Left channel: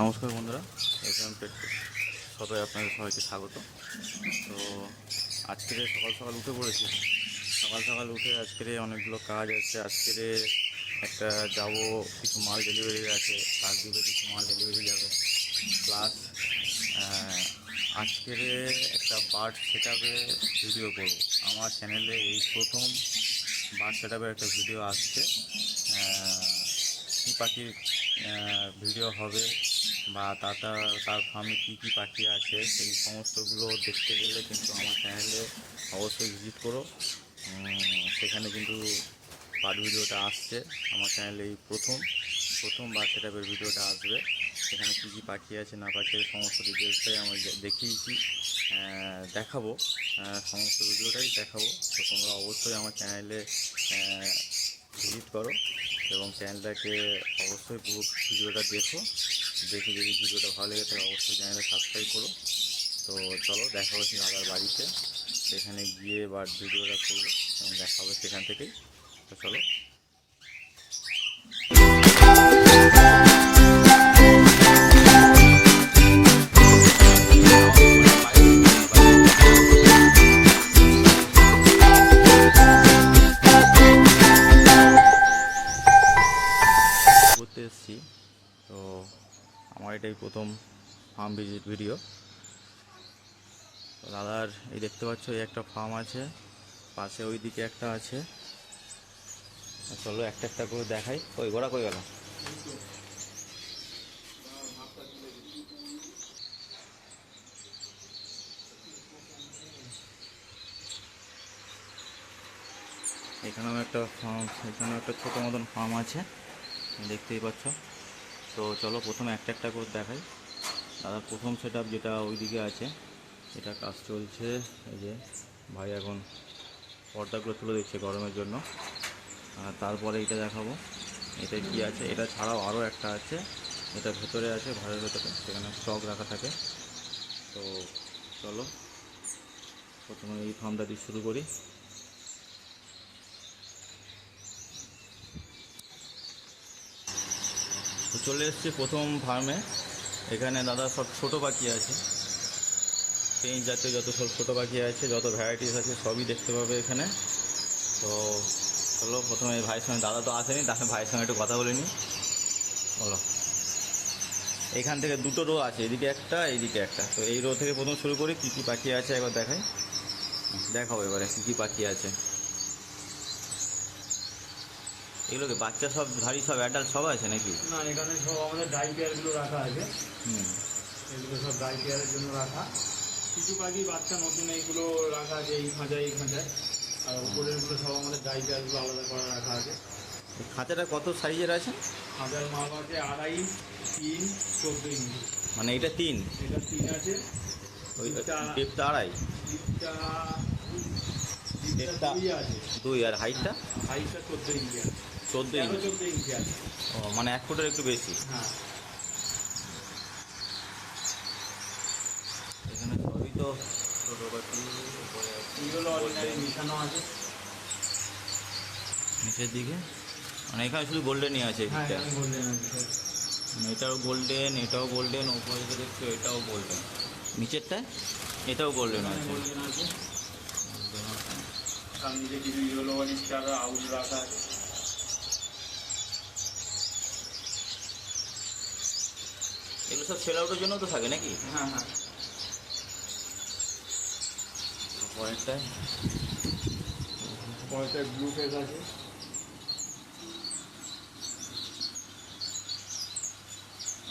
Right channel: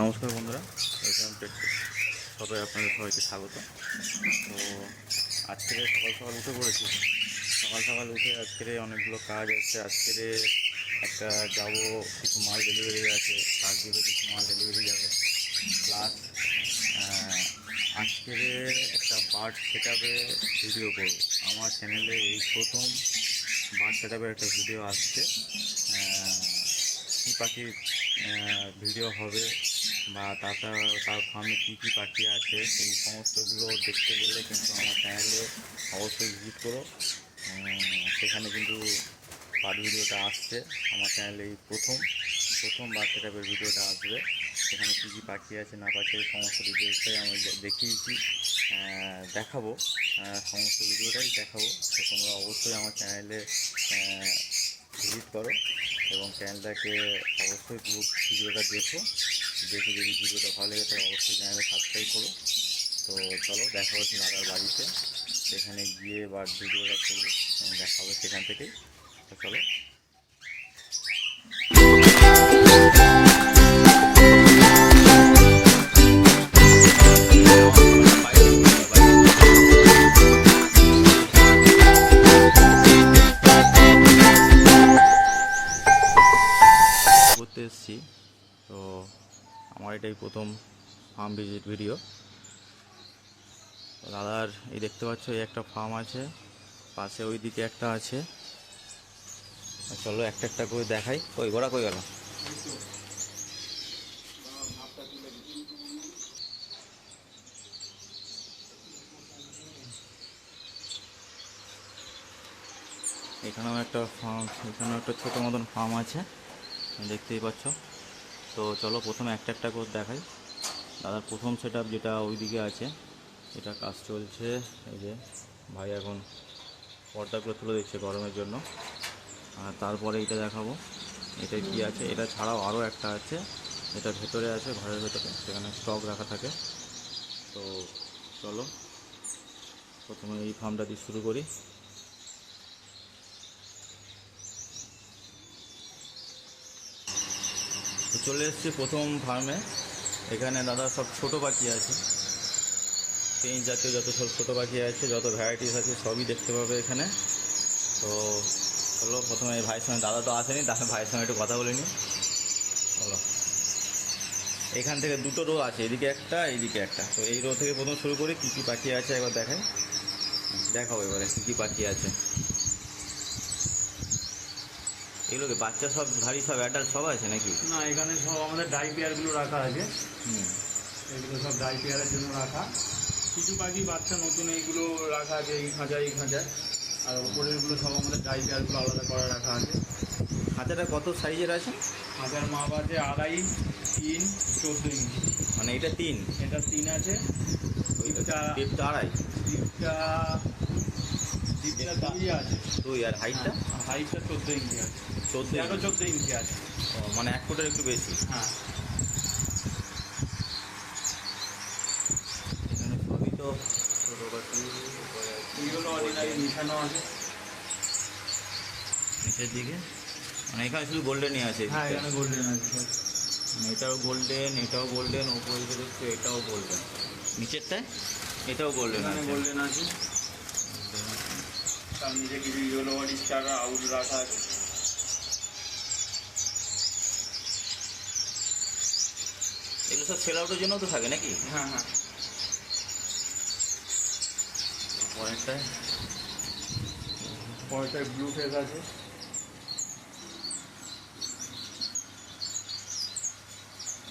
নমস্কার বন্ধুরা, SM take সবাই আপনাদের সবাইকে স্বাগত। তো আজকে সকাল সকাল উঠে পড়েছি। সকাল সকাল উঠে আজকে অনেকগুলো কাজ আছে। আজকে একটা যাব, কিছু মাল ডেলিভারি আছে, তার দিকে কিছু মাল ডেলিভারি যাবে। প্লাস আজকের একটা বার্ড সেট আপে ভিডিও করব। আমার চ্যানেলে এই প্রথম বার্ড সেট আপের একটা ভিডিও আসছে। কী পাখির ভিডিও হবে বা তার ফার্মে কী কী পাখি আছে সেই সমস্তগুলো দেখতে গেলে কিন্তু আমার চ্যানেলে অবশ্যই ভিজিট করো। সেখানে কিন্তু বার্ড ভিডিওটা আসছে আমার চ্যানেলে। এই প্রথম বার্ড সেট আপের ভিডিওটা আসবে। সেখানে কী কী পাখি আছে না পাখি আছে সমস্ত ডিটেলসটাই আমি দেখিয়েছি, দেখাবো। সমস্ত ভিডিওটাই দেখাবো। তো তোমরা অবশ্যই আমার চ্যানেলে ভিজিট করো এবং চ্যানেলটাকে অবশ্যই পুরো ভিডিওটা দেখে যদি ভিডিওটা ভালো লেগে থাকে অবশ্যই চ্যানেলে সাবস্ক্রাইব করো। তো চলো দেখা হচ্ছে দাদার বাড়িতে, সেখানে গিয়ে এবার ভিডিওটা করবো এবং দেখা হবে সেখান থেকেই। তো চলো। ঘুরতে এসেছি, তো আমার এটাই প্রথম ফার্ম ভিজিট ভিডিও। দাদার এই দেখতে পাচ্ছ এই একটা ফার্ম আছে, পাশে ওই দিকে একটা আছে। চলো একটা একটা করে দেখাই। কই ঘোড়া কই গেল? এখানেও একটা ফার্ম, এখানেও একটা ছোটো মতন ফার্ম আছে, দেখতেই পাচ্ছ। তো চলো প্রথমে একটা একটা করে দেখাই। দাদার প্রথম সেট আপ যেটা ওইদিকে আছে, এটা কাজ চলছে। এই যে ভাই এখন পর্দাগুলো তুলে দিচ্ছে গরমের জন্য। আর তারপরে এটা দেখাবো, এটা কি আছে। এটা ছাড়াও আরও একটা আছে, এটা ভেতরে আছে, ঘরের ভেতরে, সেখানে স্টক রাখা থাকে। তো চলো প্রথমে এই ফার্মটা দিয়ে শুরু করি। তো চলে এসেছি প্রথম ফার্মে। এখানে দাদা সব ছোটো পাখি আছে, পেঁচ জাতীয় যত সব ছোটো পাখি আছে, যত ভ্যারাইটিস আছে সবই দেখতে পাবে এখানে। তো চলো প্রথমে ভাইয়ের সঙ্গে, দাদা তো আসেনি, তাহলে ভাইয়ের সঙ্গে একটু কথা বলে নিই। বলো, এখান থেকে দুটো রো আছে, এদিকে একটা এইদিকে একটা। তো এই রো থেকে প্রথম শুরু করি, কী কী পাখি আছে একবার দেখাই, দেখাবো এবারে কী কী পাখি আছে। এগুলোকে বাচ্চা সব ধাড়ি সব অ্যাডাল্ট সব আছে নাকি? না, এখানে সব আমাদের ডাই পেয়ারগুলো রাখা আছে। এগুলো সব ডাই পেয়ারের জন্য রাখা। কিছু পাখি বাচ্চা নতুন এইগুলো রাখা আছে এই খাঁচা। আর উপরেরগুলো সব আমাদের ডাই পেয়ারগুলো আলাদা করে রাখা আছে। খাঁচাটা কত সাইজের আছে? খাঁচার মাপ আছে 2.5, 3, 14 ইঞ্চি। মানে এটা 3? এটা 3 আছে। ডিপটা 2.5? ডিপটা 2 আছে। 2। আর হাইটটা? হাইটটা 14 ইঞ্চি আছে। 14 ইঞ্চি আছে। ও, মানে 1 ফুটের একটু বেশি। হ্যাঁ, এখানে সবই তো ছোটো পাখি। এইগুলো অরিজিনালি মিশানো আছে নিচের দিকে, মানে এখানে শুধু গোল্ডেনই আছে। হ্যাঁ, এখানে গোল্ডেন আছে। মানে এটাও গোল্ডেন, উপরে যে দেখছো এটাও গোল্ডেন, নিচেরটায় এটাও গোল্ডেন আছে। গোল্ডেন আছে। তার নিচে কিছু ইয়েলো স্টার আউট রাখা আছে। এগুলো সব সেল আউটের জন্য তো থাকে নাকি? হ্যাঁ, পরেরটায় ব্লু ফেস আছে।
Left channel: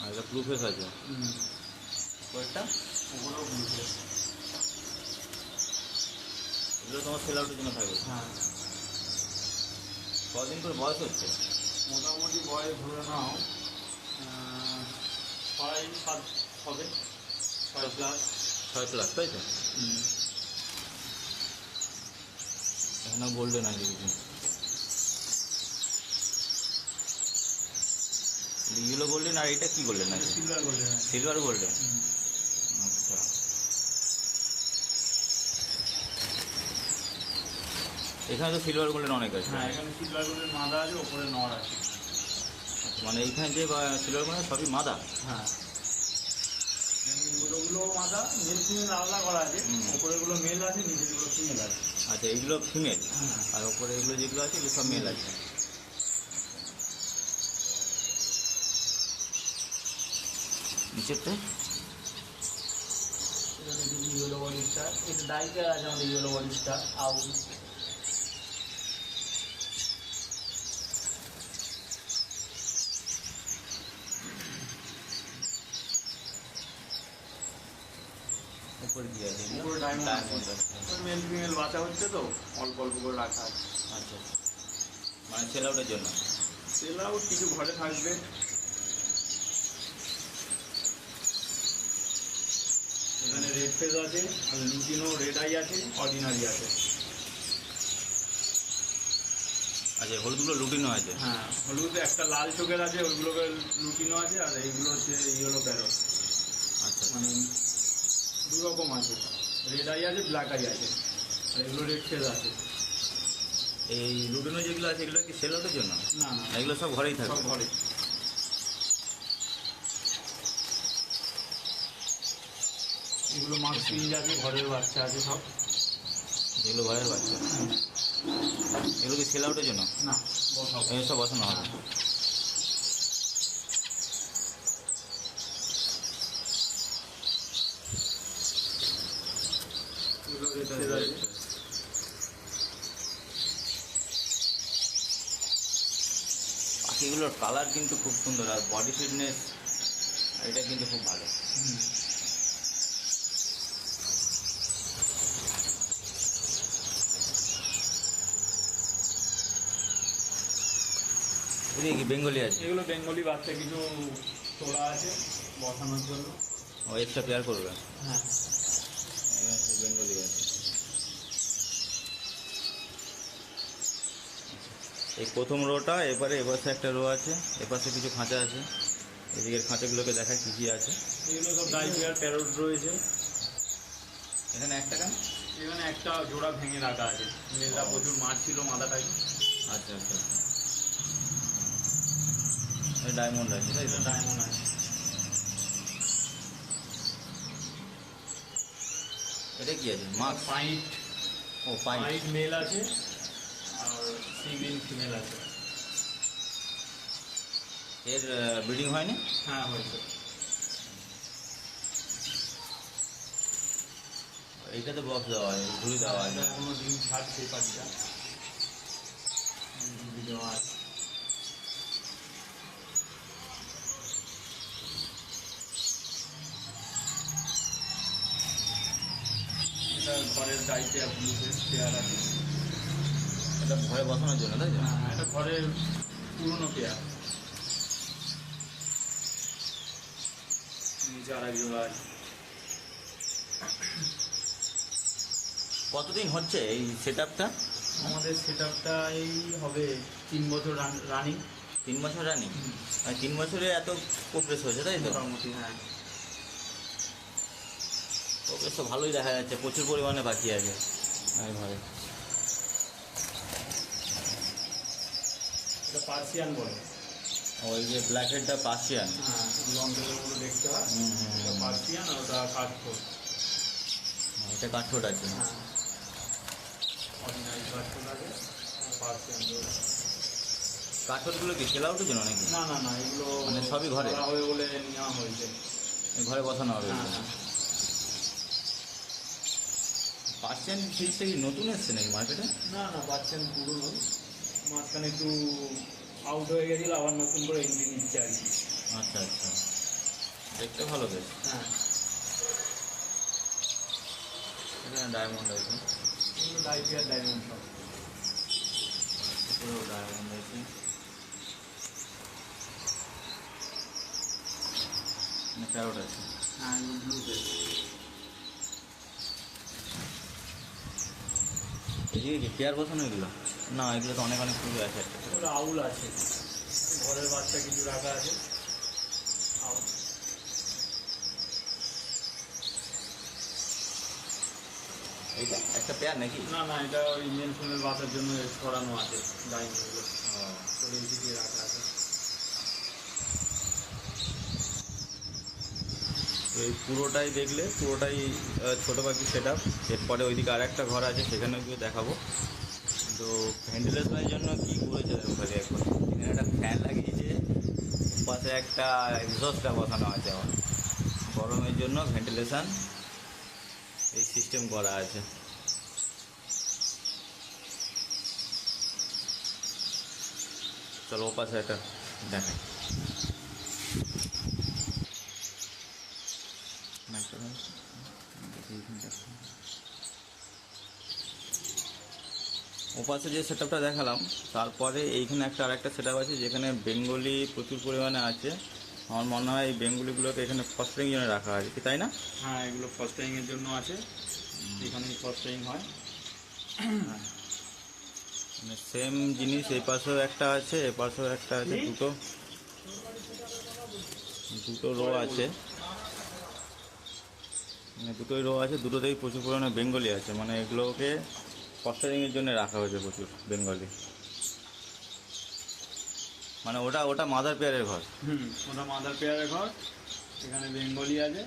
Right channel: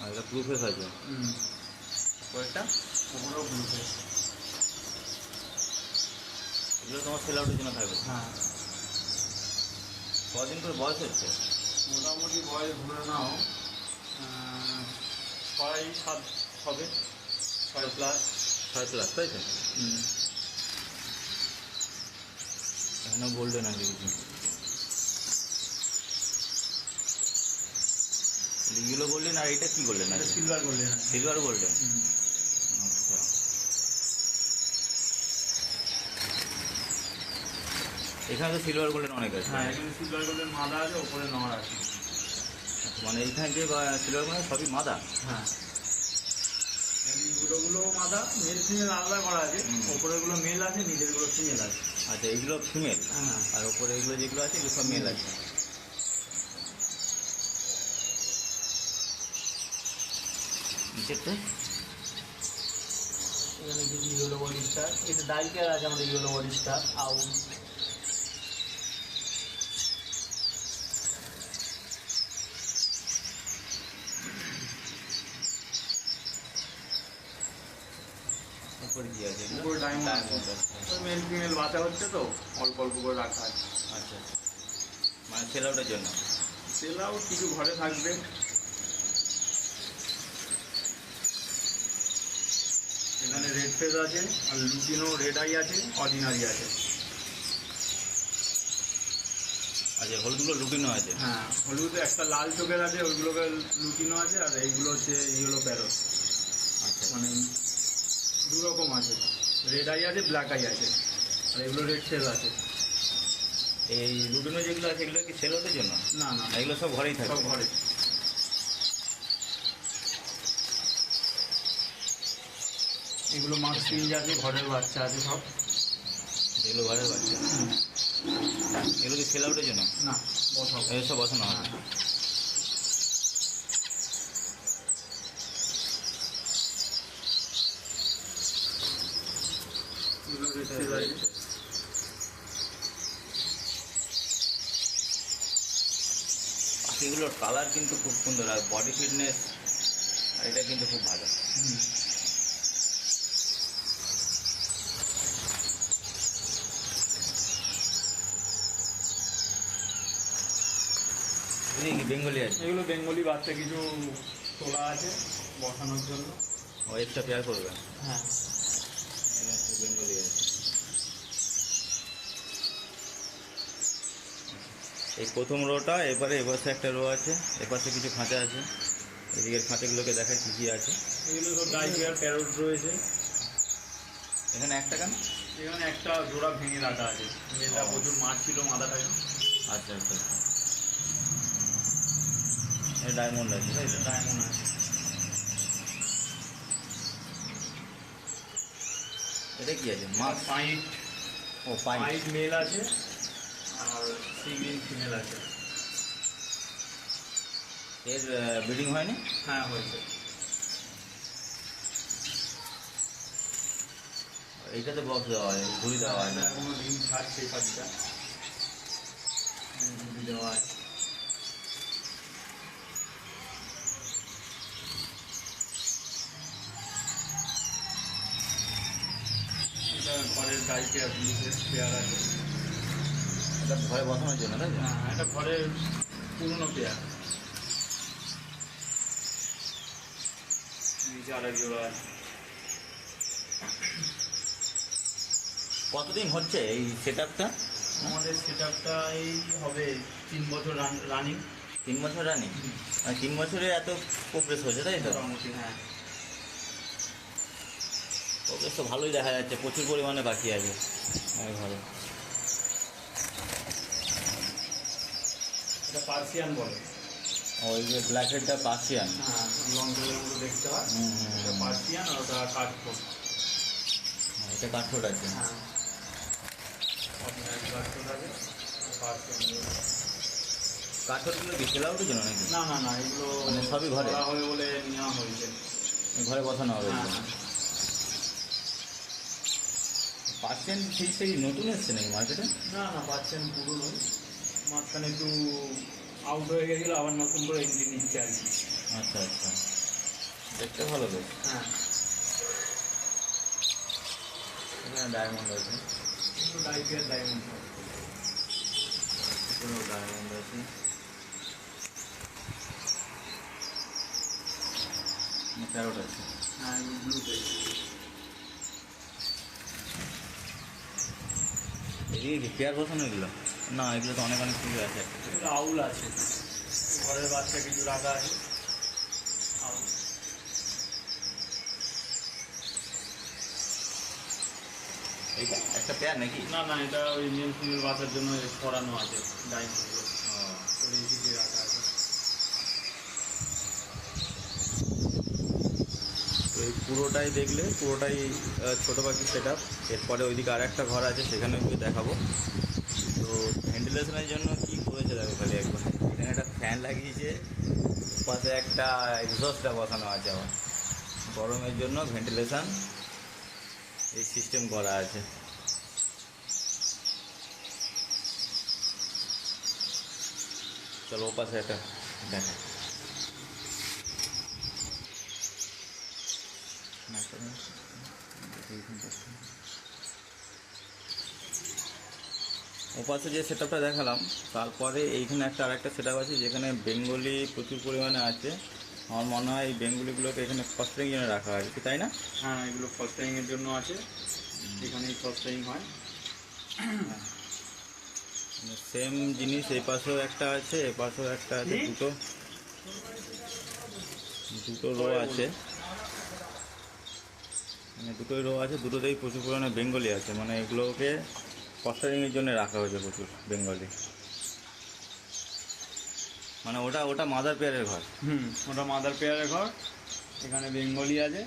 আর এটা ব্লু ফেস আছে। পরেরটা ওগুলো ব্লু ফেস। এগুলো তোমার সেল আউটের জন্য থাকবে। হ্যাঁ, কদিন করে বয়স হচ্ছে? মোটামুটি বয়স ধরে নাও 6-7 হবে, 6+। 6+, তাই তো? এখানেও গোল্ডেন আছে কিছু। ইয়েলো গোল্ডেন, আর এটা কি গোল্ডেন আছে? Silver golden. সিলভার গোল্ডেন, আচ্ছা। এখানে তো সিলভার গোল্ডেন অনেক আছে। হ্যাঁ, এখানে সিলভার গোল্ডেন মাদা আছে, ওপরে নর আছে। মানে এইখানে যে সিলভার মানে সবই মাদা। হ্যাঁ, গুলো মাদা, মেল ফিমেল আলাদা করা আছে। ওপরেগুলো মেল আছে, নিচেরগুলো ফিমেল আছে। আচ্ছা, এইগুলো ফিমেল, হ্যাঁ, আর ওপরে এগুলো যেগুলো আছে এগুলো সব মেল আছে। নিচেরটা এখানে কিছু ইয়েলো বডি স্টার, এটা ডাইকের আছে আমাদের ইয়েলো বডি স্টার আউট। উপরে কি আছে? এগুলো উপরে ডায়মন্ড ডায়মন্ড আছে। মেল ফিমেল বাচ্চা হচ্ছে তো অল্প অল্প করে রাখা আছে। আচ্ছা আচ্ছা, মানে সেল আউটের জন্য। সেল আউট কিছু ঘরে থাকবে। এখানে রেড ফেজ আছে, আর লুটিনো রেড আই আছে, অর্ডিনারি আছে। আচ্ছা, হলুদগুলো লুটিনো আছে। হ্যাঁ, হলুদ একটা লাল চোখের আছে, ওইগুলোকে লুটিনো আছে, আর এইগুলো হচ্ছে ইয়েলো প্যারট। আচ্ছা, মানে দু রকম আছে, রেড আই আছে, ব্ল্যাক আই আছে, আর এগুলো রেড ফেজ আছে। এই লুটিনো যেগুলো আছে এগুলো কি সেল আউটের জন্য? না না, এগুলো সব ঘরেই সব থাকবে। ঘরে। এগুলো মাছ পিঞ্জ আছে, ঘরের বাচ্চা আছে সব। এগুলো ঘরের বাচ্চা। এগুলো কি সেল আউটের জন্য? না, বসাবো। এগুলো সব বসানো হবে। এগুলো রেড ফেজ আছে। পাখিগুলোর কালার কিন্তু খুব সুন্দর, আর বডি ফিটনেস এটা কিন্তু খুব ভালো। হুম। এই বেঙ্গলি আছে, এগুলো বেঙ্গলি বাচ্চা কিছু তোলা আছে বসানোর জন্য। ও এক্সট্রা পেয়ার করবে। হ্যাঁ, বেঙ্গলি আছে। এই প্রথম রোটা, এপাশে একটা রো আছে, এপাশে কিছু খাঁচা আছে। এদিকের খাঁচাগুলোকে দেখায় কী কী আছে। এগুলো সব ডাইপিয়ার প্যারট রয়েছে। এখানে একটা কেন? এখানে একটা জোড়া ভেঙে রাখা আছে, মেয়েরা প্রচুর মাছ ছিল মাথাটায়। আচ্ছা আচ্ছা আচ্ছা, এই ডায়মন্ড আছে তাই তো? ডায়মন্ড আছে। এটা কি আছে? মাছ? পাইট, ও পাইট। পাইট মেল আছে, আর সিঙ্গিং ফিমেল আছে। এর ব্রিডিং হয়নি? হ্যাঁ, হয়েছে। এইটাতে বক্স দেওয়া হয়, ঝুড়ি দেওয়া হয় না? এখনো ডিম ছাড়ছে পাখিটা, ঝুড়ি দেওয়া আছে। এটা ঘরের ডাইপিয়ার ব্লুতে পেয়ার আছে। এটা ঘরে বসানোর জন্য তাই তো? হ্যাঁ, এটা ঘরের পুরনো পেয়ার। নিচে আরেক জোড়া আছে। কতদিন হচ্ছে এই সেট আপটা? আমাদের সেট আপটা এই হবে 3 বছর রানিং। 3 বছর রানিং? মানে 3 বছরে এত প্রোগ্রেস হয়েছে তাই তো? মোটামুটি, হ্যাঁ। প্রোগ্রেস তো ভালোই দেখা যাচ্ছে, প্রচুর পরিমাণে পাখি আছে ঘরে। এটা পার্সিয়ান বলে। ওই যে ব্ল্যাক হেডটা পার্সিয়ান। হ্যাঁ, লং টেলের মতো দেখতে হয়। এটা পার্সিয়ান, আর ওটা কাঠঠোঁট। এটা কাঠঠোঁট আছে। হ্যাঁ, অর্ডিনারি কাঠঠোঁট আছে, আর পার্সিয়ান বলে। কাঠঠোঁটগুলো কি সেল আউটের জন্য নাকি? না না না, এগুলো মানে সবই ঘরে? করা হবে বলে নেওয়া হয়েছে। ঘরে বসানো হবে? হ্যাঁ হ্যাঁ। পার্সিয়ান ফিজটা কি নতুন এসছে নাকি মার্কেটে? না না, পার্সিয়ান পুরনো, মাঝখানে একটু আউট হয়ে গেছিল, আবার নতুন করে এন্ট্রি নিচ্ছে আর কি। আচ্ছা আচ্ছা, দেখতে ভালো বেশ। হ্যাঁ, এখানে ডায়মন্ড আছে, এগুলো ডাইপিয়ার ডায়মন্ড সব। উপরেও ডায়মন্ড আছে। প্যারট আছে। হ্যাঁ, ব্লুতে। এদিকে কি পেয়ার বসানো এগুলো? না, এগুলো তো অনেক অনেক কিছু আছে একটা। ওটা আউল আছে, ঘরের বাচ্চা কিছু রাখা আছে। আউল। এইটা একটা পেয়ার নাকি? না না, এটা ওই মেল ফিমেল বাচ্চার জন্য করানো আছে ডায়মন্ডগুলো, করে এদিকে রাখা আছে। তো এই পুরোটাই দেখলে পুরোটাই ছোটো পাখি সেট আপ। এরপরে ওইদিকে আর একটা ঘর আছে, সেখানেও গিয়ে দেখাবো। তো ভেন্টিলেশনের জন্য কী করেছে দেখো খালি একবার, এখানে একটা ফ্যান লাগিয়েছে, পাশে একটা এক্সস্টটা বসানো আছে আমার, গরমের জন্য ভেন্টিলেশন এই সিস্টেম করা আছে। চলো ও পাশে একটা দেখে ওপাশে যে সেট আপটা দেখালাম, তারপরে এইখানে একটা আরেকটা সেট আপ আছে যেখানে বেঙ্গলি প্রচুর পরিমাণে আছে। আমার মনে হয় এই বেঙ্গলিগুলোকে এখানে ফস্টারিং জন্য রাখা হয়, কি তাই না? হ্যাঁ, এগুলো ফস্টারিংয়ের জন্য আছে, এখানেই ফস্টারিং হয়। সেম জিনিস এই পাশেও একটা আছে, এ পাশেও একটা আছে, দুটো রো আছে, মানে দুটোই রো আছে, দুটোতেই প্রচুর পরিমাণে বেঙ্গলি আছে। মানে এগুলোকে ফস্টারিংয়ের জন্য রাখা হয়েছে প্রচুর বেঙ্গলি। মানে ওটা মাদার পেয়ারের ঘর। ওটা মাদার পেয়ারের ঘর, এখানে বেঙ্গলি আছে,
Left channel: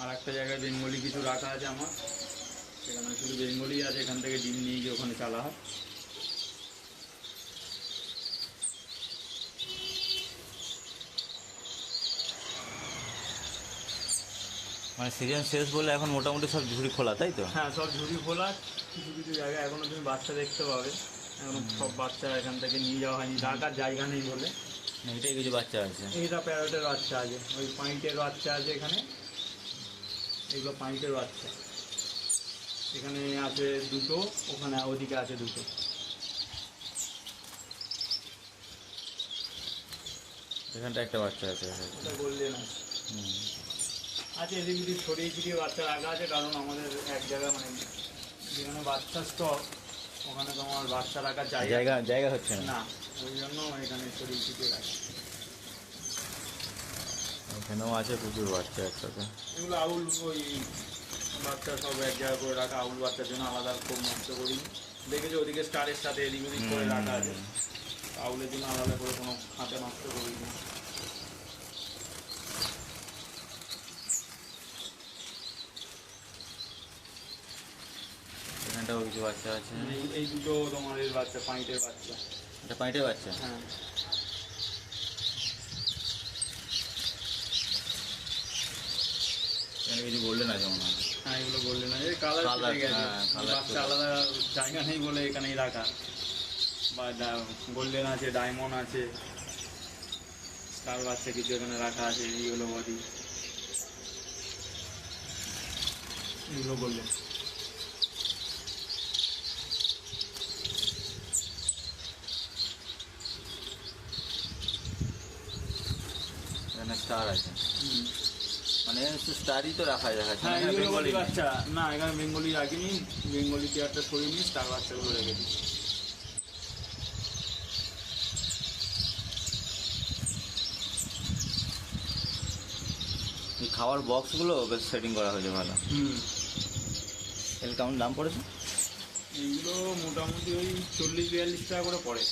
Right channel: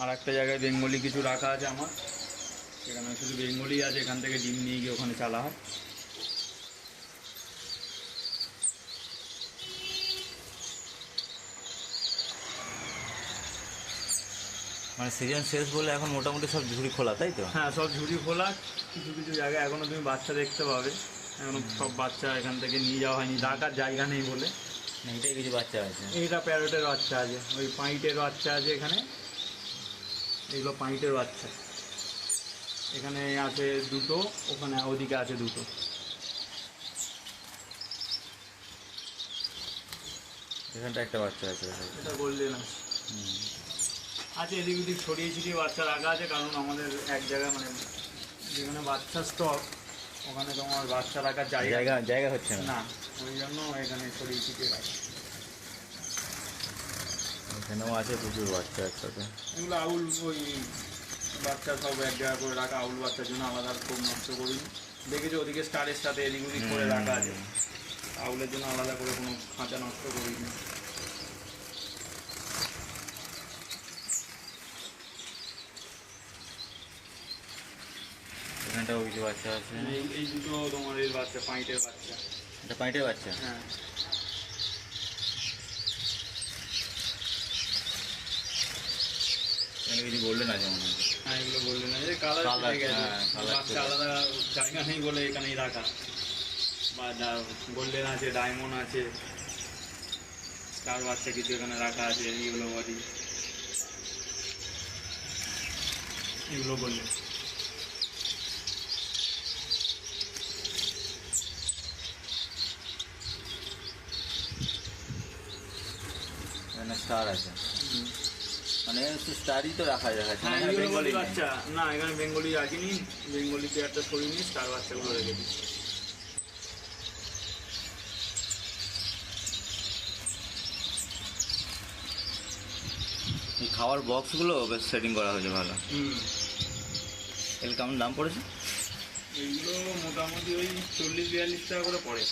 আর একটা জায়গায় বেঙ্গলি কিছু রাখা আছে আমার, এখানে শুধু বেঙ্গলি আছে, এখান থেকে ডিম নিয়ে গিয়ে ওখানে চালা হয়। মানে সিজন শেষ বলে এখন মোটামুটি সব ঝুড়ি খোলা, তাই তো? হ্যাঁ, সব ঝুড়ি খোলা। কিছু কিছু জায়গায় এখনো তুমি বাচ্চা দেখতে পাবে, এখনো সব বাচ্চা এখান থেকে নিয়ে যাওয়া হয়নি, রাখার জায়গা নেই বলে। এটাই কিছু বাচ্চা আছে, এইটা প্যারটের বাচ্চা আছে, ওই পাইটের বাচ্চা আছে এখানে, এইগুলো পাইটের বাচ্চা। এখানে আছে দুটো, ওখানে ওদিকে আছে দুটো। এখানটা একটা বাচ্চা আছে, এটা বললে না আছে, এদিক ওদিক ছড়িয়ে ছিটিয়ে বাচ্চা রাখা আছে, কারণ আমাদের এক জায়গায় মানে যেখানে বাচ্চা স্টক, ওখানে তো আমার বাচ্চা রাখার জায়গা হচ্ছে না, ওই জন্য এখানে ছড়িয়ে ছিটিয়ে রাখা। এখানেও আছে প্রচুর বাচ্চা একসাথে। এগুলো আউল, ওই বাচ্চা সব এক জায়গা করে রাখা, আউল বাচ্চার জন্য আলাদা খুব নষ্ট করিনি। দেখেছি ওদিকে স্টারের সাথে এদিক ওদিক করে রাখা আছে, আউলের জন্য আলাদা করে কোনো খাঁচা নষ্ট করিনি। এখানটাও কিছু বাচ্চা আছে। এই দুটো তোমার এর বাচ্চা, পাইটের বাচ্চা। এটা পাইটের বাচ্চা? হ্যাঁ। এখানে কিছু গোল্ডেন আছে মনে হয়। হ্যাঁ, এগুলো বললেন না, ওই কালার বাচ্চা আলাদা জায়গা নেই বলে এখানেই রাখা। বা গোল্ডেন আছে, ডায়মন্ড আছে, স্টার বাচ্চা কিছু এখানে রাখা আছে, এইগুলো বডি, এগুলো গোল্ডেন। এখানে স্টার আছে, মানে স্টারই তো রাখা যাচ্ছে। হ্যাঁ, বেঙ্গলি বাচ্চা না, এখানে বেঙ্গলি রাখিনি, বেঙ্গলি পেয়ারটা সরিনি, স্টার বাচ্চাগুলো রেখেছি। এই খাওয়ার বক্সগুলো বেশ সেটিং করা হয়েছে ভালো। এর কেমন দাম পড়েছে? এইগুলো মোটামুটি ওই 40-42 টাকা করে পড়ে।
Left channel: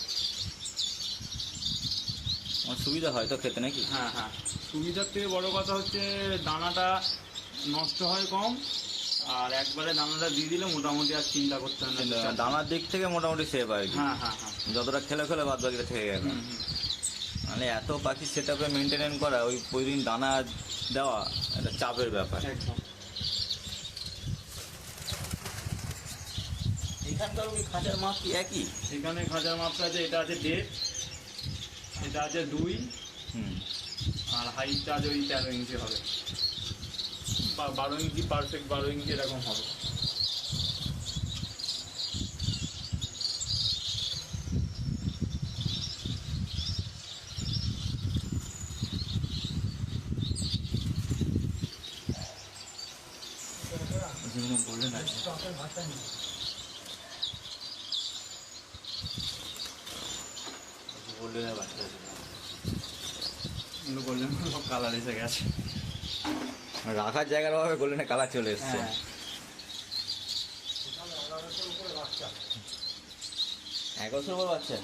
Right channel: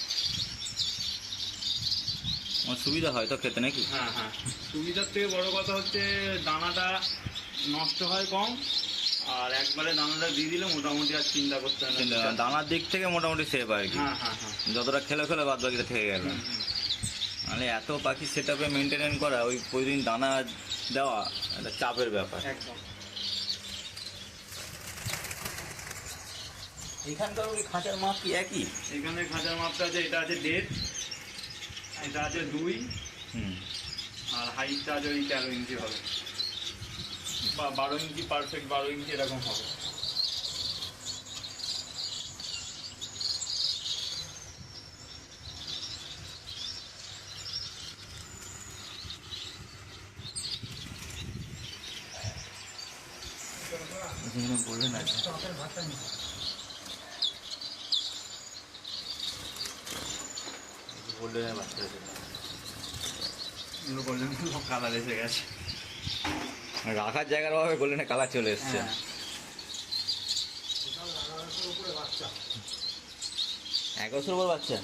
আমার সুবিধা হয় তো খেতে নাকি? হ্যাঁ হ্যাঁ, সুবিধার থেকে বড় কথা হচ্ছে দানাটা নষ্ট হয় কম, আর একবারে দানাটা দিয়ে দিলে মোটামুটি আর চিন্তা করতে হবে না। দানার দিক থেকে মোটামুটি সেফ আর কি। হ্যাঁ হ্যাঁ হ্যাঁ, যতটা খেলে বাদ বাকিটা থেকে গেল। মানে এত পাখি সেট আপে মেনটেনেন্স করা, ওই প্রতিদিন দানা দেওয়া একটা চাপের ব্যাপার। একদম। এখানকার ওই খাঁচার মাপ কি একই? এখানে খাঁচার মাপটা আছে, এটা আছে 1.5, এটা আছে 2, আর হাইটটা আছে ওই 13 ইঞ্চি হবে, বা 12 ইঞ্চি, পারফেক্ট 12 ইঞ্চি এরকম হবে। বললেন না বললেন বাচ্চা আছে, বললেন সব কালার এসে গেছে, রাখার জায়গার অভাবে গোল্ডেনে কালার চলে এসছে। এক বছর পর বাচ্চা?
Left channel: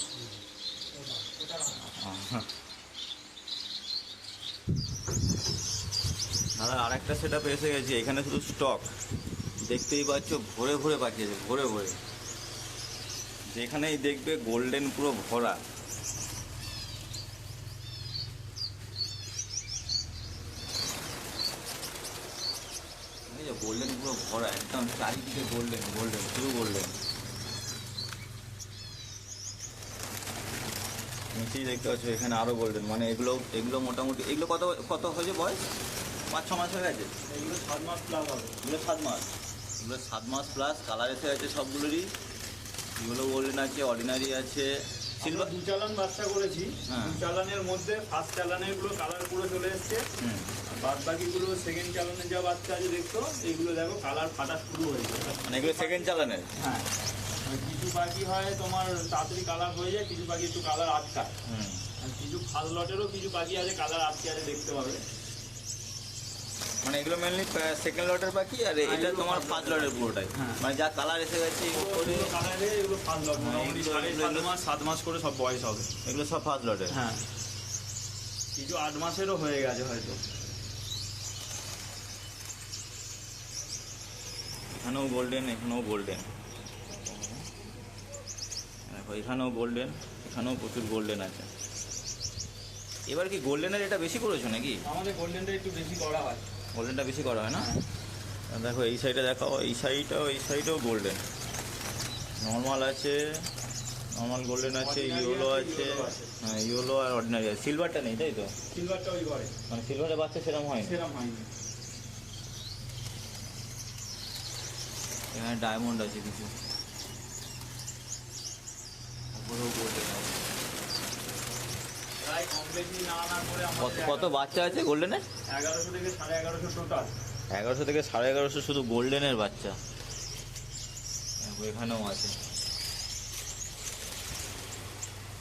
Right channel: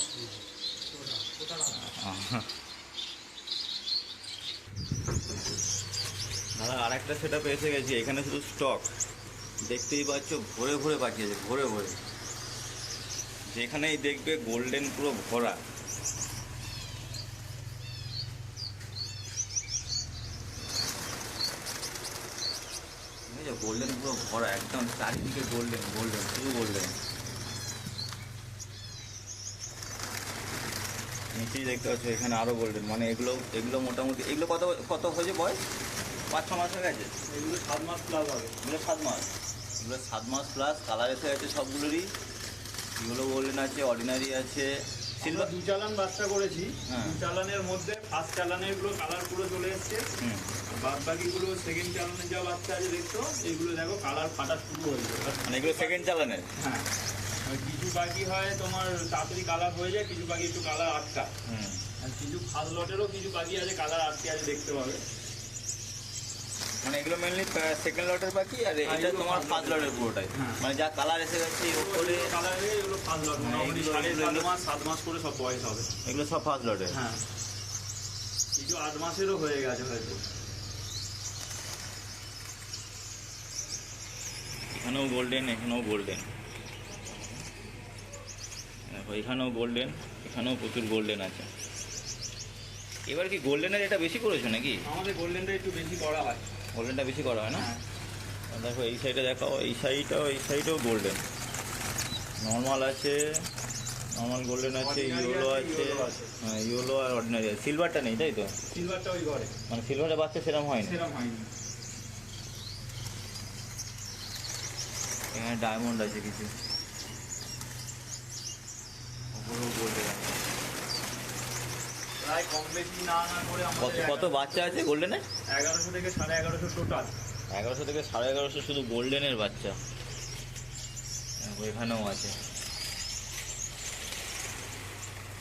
দাদা আর একটা সেট আপে এসে গেছি, এখানে শুধু স্টক দেখতেই পাচ্ছ, ভরে ভরে পাঠিয়েছে, ভরে ভরে, যেখানেই দেখবে গোল্ডেন পুরো ভরা। গোল্ডেন পুরো ভরা, একদম চারিদিকে গোল্ডেন গোল্ডেন, শুধু গোল্ডেন। নিচেই দেখতে পাচ্ছ এখানে আরো গোল্ডেন, মানে এগুলো এগুলো মোটামুটি, এগুলো কত কত হয়েছে বয়স? 5-6 মাস হয়ে গেছে। এগুলো 7 মাস প্লাস হবে। এগুলো 7 মাস, এগুলো 7 মাস প্লাস। কালার এসে গেছে সবগুলোরই। এগুলো গোল্ডেন আছে, অর্ডিনারি আছে, আমরা 2 চালান বাচ্চা করেছি। হ্যাঁ। 2 চালানের মধ্যে ফার্স্ট চালানের গুলো কালার পুরো চলে এসছে। বাদ বাকিগুলো সেকেন্ড চালানের যা বাচ্চা আছে দেখতো, এগুলো দেখো কালার ফাটা শুরু হয়েছে। মানে এগুলো সেকেন্ড চালানের। হ্যাঁ, কিছু বাকি হয় তোমার তাড়াতাড়ি কালার হয়ে যায়, কিছু বাকি একটু কালার আটকা। আর কিছু ফার্স্ট লটেরও কিছু বাকি আছে, কালার আটকে আছে, দেখতে পাবে। মানে এগুলো মেনলি সেকেন্ড লটের পাখি, আর এটা তোমার ফার্স্ট লটের পুরোটাই। মানে যা কালার এসে গেছে ওপরে কালার হয়ে এগুলো ফার্স্ট লট, হ্যাঁ, এগুলো- 7 মাস করে সব বয়স হবে। এগুলো সব ফার্স্ট লটের। হ্যাঁ, কিছু 8 মাসেরও হয়ে গেছে হয়তো। এখানেও গোল্ডেন, এখানেও গোল্ডেন, দেখো এখানেও গোল্ডেন, এখানেও প্রচুর গোল্ডেন আছে। এবার কি গোল্ডেনের এটা বেশি করেছো নাকি? আমাদের গোল্ডেনটা একটু বেশি করা হয়। গোল্ডেনটা বেশি করা হয় না? হ্যাঁ। দেখো এই সাইডে দেখাও, এই সাইডেও গোল্ডেন। নর্মাল আছে, নর্মাল গোল্ডেন আছে, Ordinary ইয়েলো আছে, আছে, yellow আছে। হ্যাঁ ইয়েলো আর অর্ডিনারি আছে। সিলভারটা নেই তাই তো? সিলভারটা ওই ঘরে মানে সিলভারের বাচ্চা সেরকম হয়নি। সেরকম হয়নি। এখানে ডায়মন্ড আছে কিছু, ওপরেও গোল্ডেন আছে। প্রায় কম বেশি না না করে কত আমাদের কত বাচ্চা আছে গোল্ডেনের? 1100 থেকে 1150 টোটাল। 1100 থেকে 1150 শুধু গোল্ডেনের বাচ্চা। দেখো এখানেও আছে।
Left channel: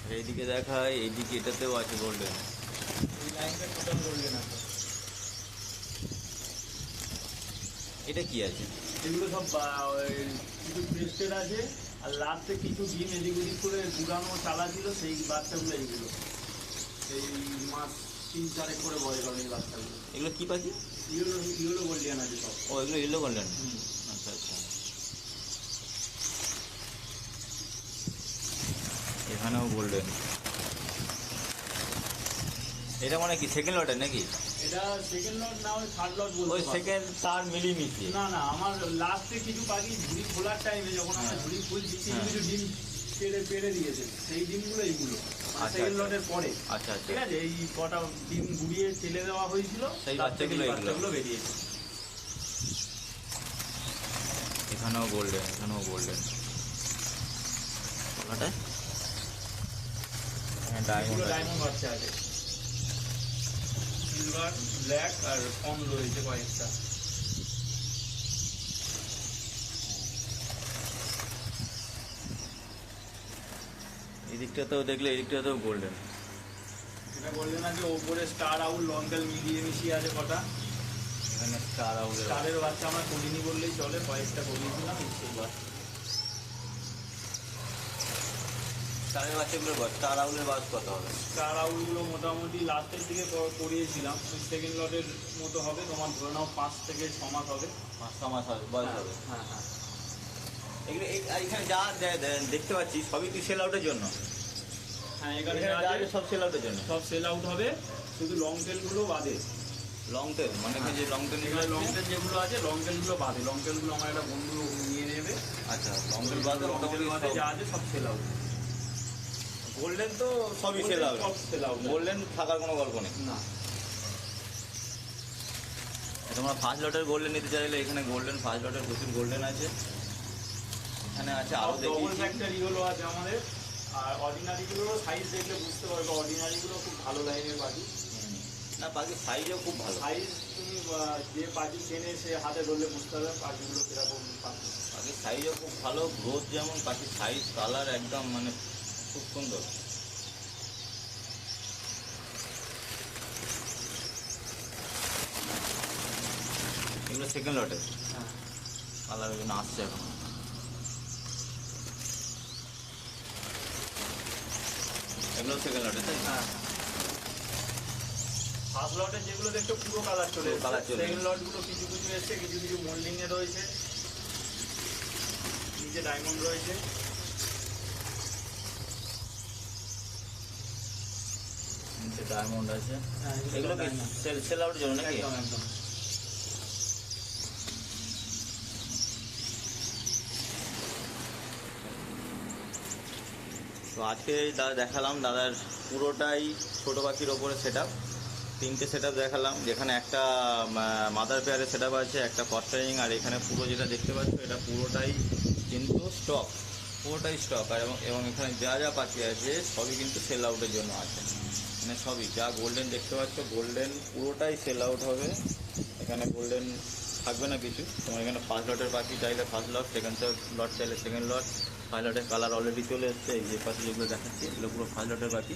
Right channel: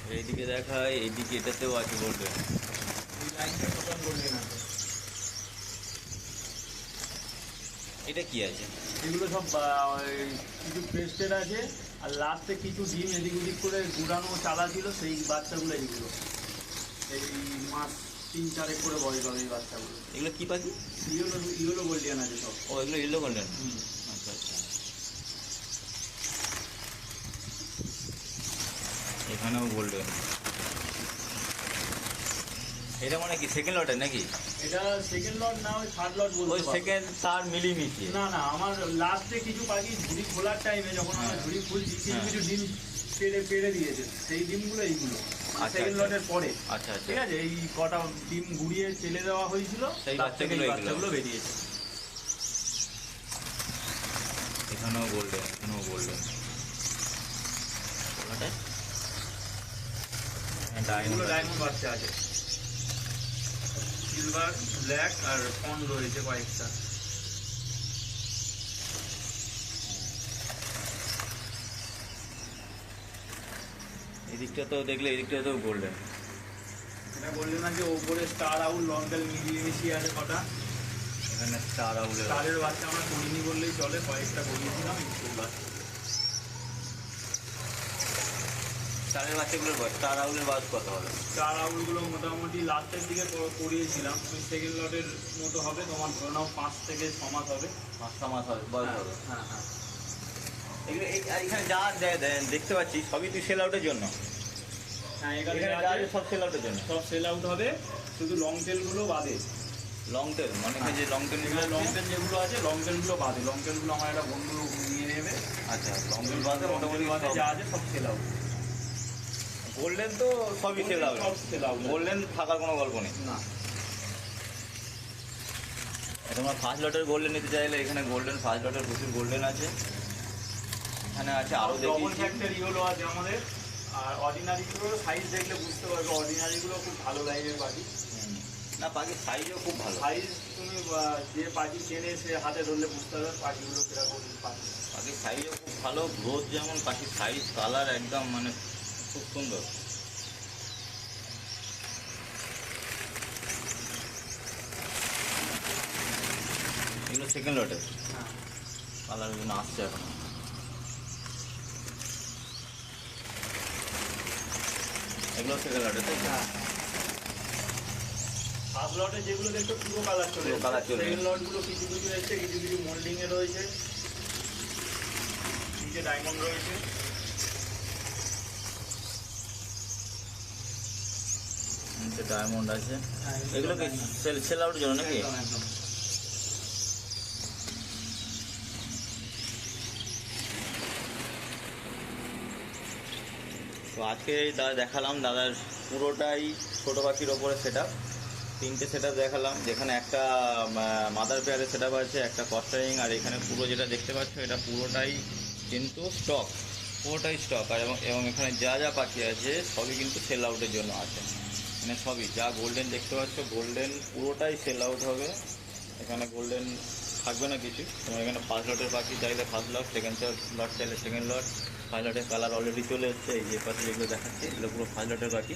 আর এইদিকে দেখায়, এইদিকে এটাতেও আছে গোল্ডেন। এই লাইনটা টোটাল গোল্ডেন আছে। এটা কি আছে? এগুলো সব কিছু ক্রেস্টেড আছে, আর লাস্টে কিছু ডিম এদিক ওদিক করে গুড়ানো চালা ছিল, সেই বাচ্চাগুলো এইগুলো। এই মাস 3-4 করে বয়স হবে এই বাচ্চাগুলো। এগুলো কি পাখি? ইয়েলো গোল্ডেন আছে সব। ও এগুলো ইয়েলো গোল্ডেন। আচ্ছা আচ্ছা। এখানেও গোল্ডেন। এটা মানে কি সেকেন্ড লটের নাকি? এটা সেকেন্ড লট না, ওই থার্ড লট বলতে ওই পারো। সেকেন্ড তার মিলিয়ে না না, আমার লাস্টে কিছু পাখি ঝুড়ি খোলার টাইমে যখন আমরা হ্যাঁ। ঝুড়ি খুলছি হ্যাঁ। কিছু ডিম পেড়ে দিয়েছে, সেই ডিমগুলো এইগুলো আচ্ছা, সেকেন্ড আচ্ছা। লটের পরে। আচ্ছা আচ্ছা। ঠিক আছে, এই কটা ডিম গুড়িয়ে ফেলে দেওয়া হয়েছিল, সেই তার থেকে বাচ্চাগুলো এই এগুলো। বাচ্চাগুলো বেরিয়েছে। এখানেও গোল্ডেন, এখানেও গোল্ডেন। ডায়মন্ড এগুলো আছে। ডায়মন্ড বাচ্চা আছে, সিলভার, ব্ল্যাক আর কন রয়েছে কয়েকটা। এই দিকটাতেও দেখলে, এই দিকটাতেও গোল্ডেন। এটা গোল্ডেন আছে, ওপরে স্টার আউল লঙ্কাল মিশিয়ে আছে কটা। এখানে স্টার আউলের স্টারের বাচ্চা আমরা করিনি বললেই চলে, কয়েকটা করিয়েছিলাম স্কুল বাচ্চা। স্টারের বাচ্চাগুলোর বয়স, স্টার আউলের বয়স কত হবে? স্টার আউলগুলো মোটামুটি লাস্টের দিকে করিয়েছিলাম, সেকেন্ড লটের মতো হবে, তোমার ধরে নাও 5 থেকে 6 মাস হবে। 5-6 মাস হবে বয়স হবে। হ্যাঁ হ্যাঁ। এগুলো এখানে যা দেখতে পাচ্ছি সবই তুই সেল আউটের জন্য। হ্যাঁ, এখানে এখানে যা আছে সব সেল আউটের জন্য। সব সেল আউট হবে, শুধু লং টেলগুলো বাদে। লং টেল মানে কি যে লং টেল লং টেল যেগুলো আছে, লং টেলগুলো বাদে। লং টেলগুলো আমার একটা বন্ধু নিয়ে নেবে। আচ্ছা, লং টেল বাদে মোটামুটি বাদে যা আছে সব সেল আউট। গোল্ডেন তো সবই সেল আউট। সব সেল আউট। গোল্ডেন থাকার কোনো গল্প নেই। না, তোমরা ফার্স্ট লটের গোল্ডেন নিতে চাইলে এখানে গোল্ডেন ফার্স্ট লটের প্রচুর গোল্ডেন আছে। এখানে আছে আরও ডবল দেখি। ফ্যাক্টর ইগুলো আছে আমাদের। আর অর্ডিনারিগুলোর সাইজ দেখলে বুঝতে পারবে, অর্ডিনারিগুলো খুব ভালো লাইনের পাখি। না পাখির সাইজও খুব ভালো। সাইজ তুমি যে পাখি চেনে সে হাতে ধরলে বুঝতে পারবে পাখিগুলো কিরকম পাখি। পাখির সাইজও খুব ভালো, গ্রোথ যেমন, পাখির সাইজ কালার একদম মানে খুব সুন্দর। এগুলো সেকেন্ড লটের হ্যাঁ, কালার এগুলো আসছে এখন। এগুলো সেকেন্ড লটের তাই? হ্যাঁ। ফার্স্ট লটে যেগুলো দেখছো পুরো কালার চলে পুরো colour চলে সেকেন্ড লটগুলো কিছু কিছু এসছে, কিছু কিছু মোল্ডিংয়ে রয়েছে, নিচে ডায়মন্ড রয়েছে। ডায়মন্ড আছে, হ্যাঁ, এগুলো কি সেল আউটের জন্য নাকি? একদম একদম। তো আজকে দাদা দেখালাম দাদার পুরোটাই ছোটো পাখির ওপরে সেট আপ, 3টে সেট আপ দেখালাম, যেখানে একটা মাদার পেয়ারের সেট আপ আছে, একটা কস্টারিং, আর এখানে পুরো যেটা দেখতে পাচ্ছ এটা পুরোটাই কিন্তু স্টক, পুরোটাই স্টক। আর এবং এখানে যা যা পাখি আছে সবই কিন্তু সেল আউটের জন্য আছে, মানে সবই যা গোল্ডেন দেখতে পাচ্ছ গোল্ডেন পুরোটাই সেল আউট হবে, এখানে গোল্ডেন থাকবে না কিছু। তোমার এখানে ফার্স্ট লটের পাখি চাইলে ফার্স্ট লট, সেকেন্ড লট চাইলে সেকেন্ড লট। ফার্স্ট লটের কালার অলরেডি চলে এসছে, এই যে পাখি যেগুলো দেখাচ্ছি এগুলো পুরো ফার্স্ট লটের পাখি,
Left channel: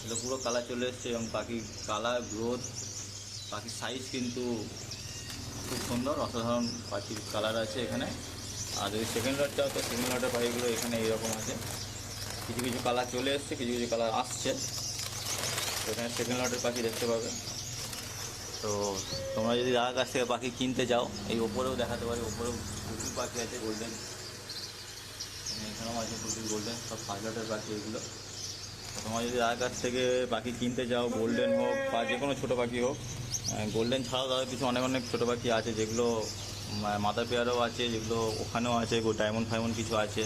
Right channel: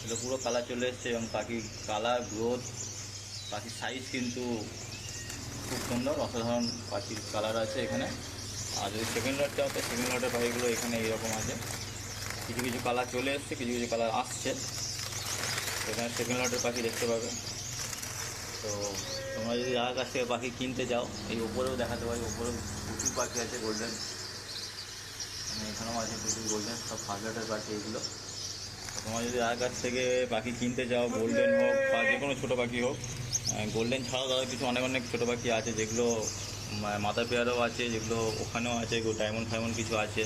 এগুলো পুরো কালার চলে এসছে এবং পাখির কালার গ্রোথ, পাখির সাইজ কিন্তু খুব সুন্দর, অসাধারণ পাখির কালার আছে এখানে। আর যদি সেকেন্ড লট চাও তো সেকেন্ড লটের পাখিগুলো এখানে এইরকম আছে, কিছু কিছু কালার চলে এসছে, কিছু কিছু কালার আসছে, এখানে সেকেন্ড লটের পাখি দেখতে পাবে। তো তোমরা যদি যার কাছ থেকে পাখি কিনতে যাও, এই ওপরেও দেখাতে পারি, ওপরেও প্রচুর পাখি আছে গোল্ডেন, এখানেও আছে প্রচুর গোল্ডেন, সব ফার্স্ট লটের পাখি এগুলো। তো তোমরা যদি যার কাছ থেকে পাখি কিনতে যাও, গোল্ডেন হোক বা যে কোনো ছোটো পাখি হোক, গোল্ডেন ছাড়াও দাদা কিছু অনেক অনেক ছোটো পাখি আছে যেগুলো মাদার পেয়ারও আছে, যেগুলো ওখানেও আছে, ডায়মন্ড ফাইমন্ড কিছু আছে।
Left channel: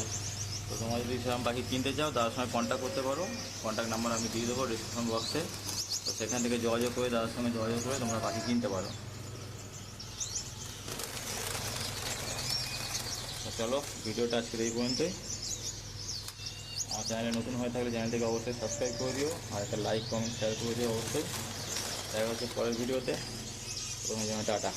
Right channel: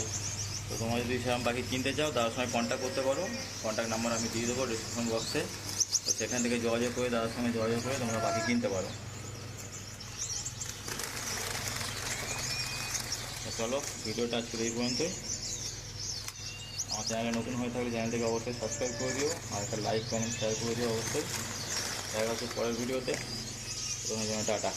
তো তোমরা যদি সেরকম পাখি কিনতে চাও দাদার সঙ্গে কন্ট্যাক্ট করতে পারো, কন্ট্যাক্ট নাম্বার আমি দিয়ে দেবো ডিসক্রিপশন বক্সে, তো সেখান থেকে যোগাযোগ করে দাদার সঙ্গে যোগাযোগ করে তোমরা পাখি কিনতে পারো। তো চলো ভিডিওটা আজকে এই পর্যন্তই। আমার চ্যানেলে নতুন হয়ে থাকলে চ্যানেলটিকে অবশ্যই সাবস্ক্রাইব করে দিও, আর একটা লাইক কমেন্ট শেয়ার করে দিও অবশ্যই। দেখা হচ্ছে পরের ভিডিওতে, তোমার জন্য টাটা।